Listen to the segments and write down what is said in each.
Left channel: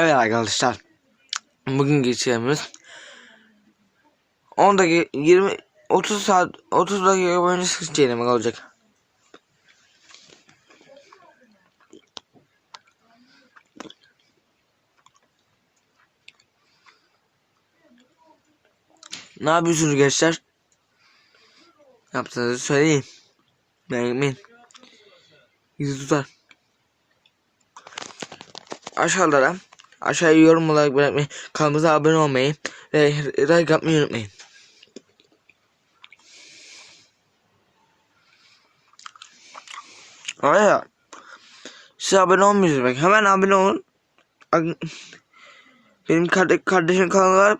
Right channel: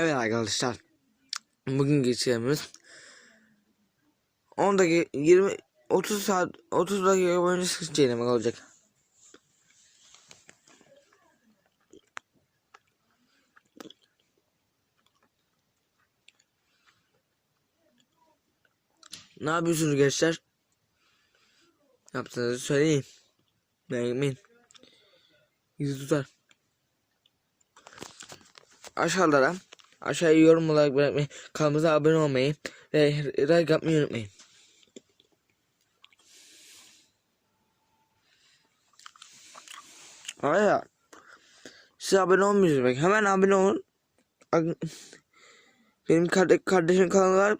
Evet arkadaşlar. Bugün geçeceğimiz 10 dakika 20 30 saat 30 dakika boyunca sıkıntı çiğnemek olacak. Ne yapıyorsunuz gençler? Yaptığınızı söyleyin. Merak etmeyin. Yüzü tutar. Aşağıda aşağıya yorum olarak bırakmayı, kanalımıza abone olmayı ve like atmayı unutmayın. Arkadaşlar siz abone olmuyorsunuz bak hemen abone olun. Benim kardeş, kardeşim kanalı var.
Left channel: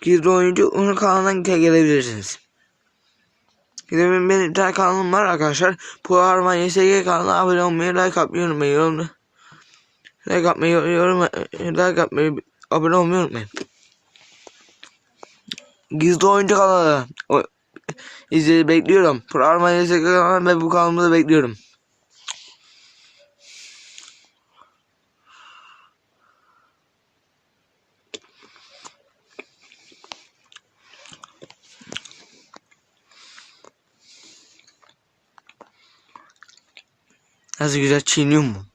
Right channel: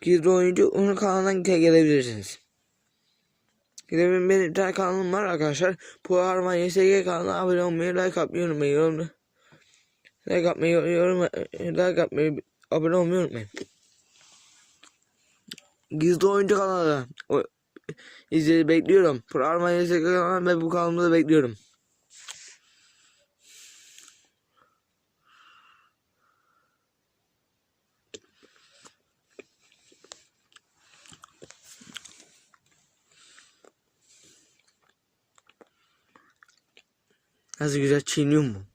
Gizli oyuncu onun kanalından ge- gelebilirsiniz. Benim, benim bir tane kanalım var arkadaşlar. Bu Arman YSG kanalına abone olmayı, like atmayı unutmayın. Like atmayı, yorum, like atmayı, abone olmayı unutmayın. Gizli oyuncu kanalı. O, izleyi bekliyorum. Pro Arman YSG kanalı ve bu kanalımı da bekliyorum. Nasıl güzel çiğniyor mu?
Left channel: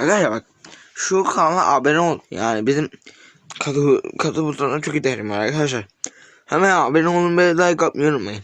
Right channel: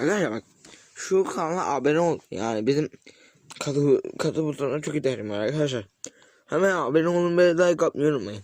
Arkadaşlar bak şu kanala abone ol. Yani bizim katı katı butonuna çok ihtiyacım var arkadaşlar. Hemen abone olun ve like atmayı unutmayın.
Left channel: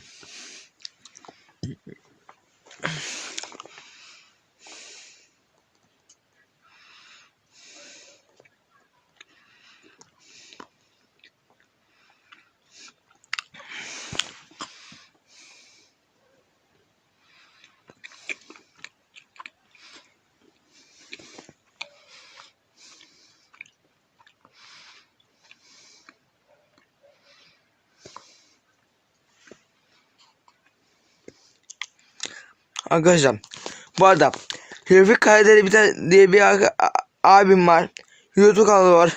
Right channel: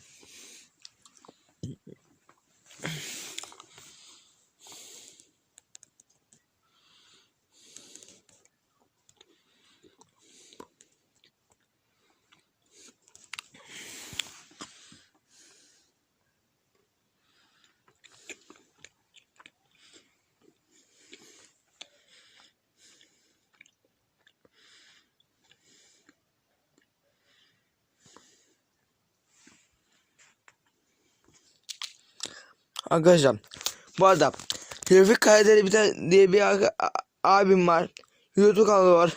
Arkadaşlar bu arada Tevfik Kayderi bir tane diye bir abim var. YouTube kanalı var.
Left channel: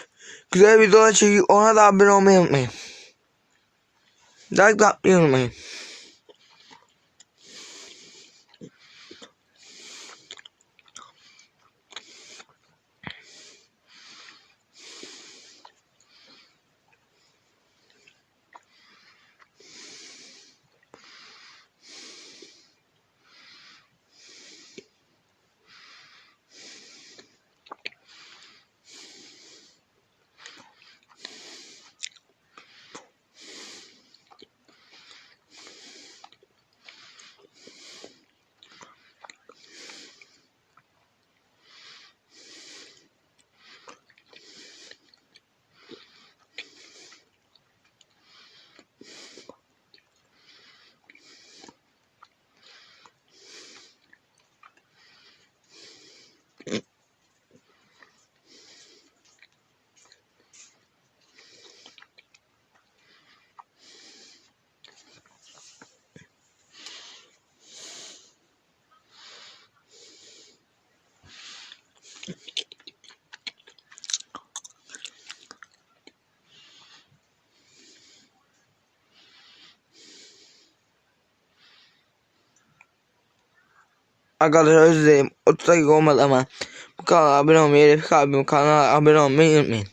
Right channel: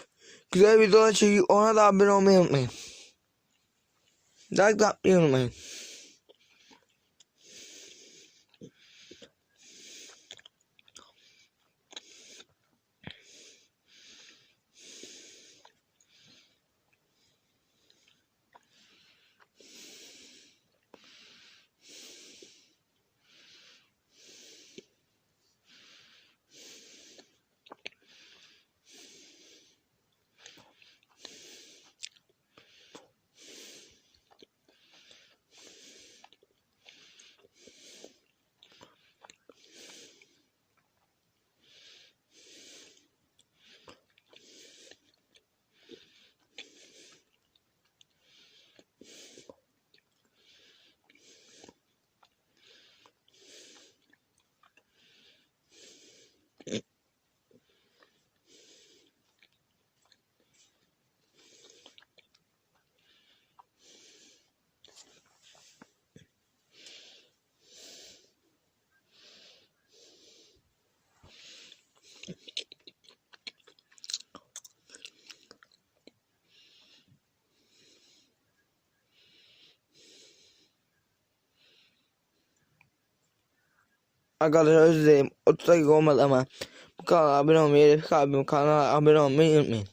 Güzel videolar çekiyor. Ona da abone olmayı unutmayın. Like da unutmayın. Arkadaşlar özür dilerim. 30 dakika olmadı ama bu kanala abone olmayı, Refik abim kanala abone olmayı unutmayın.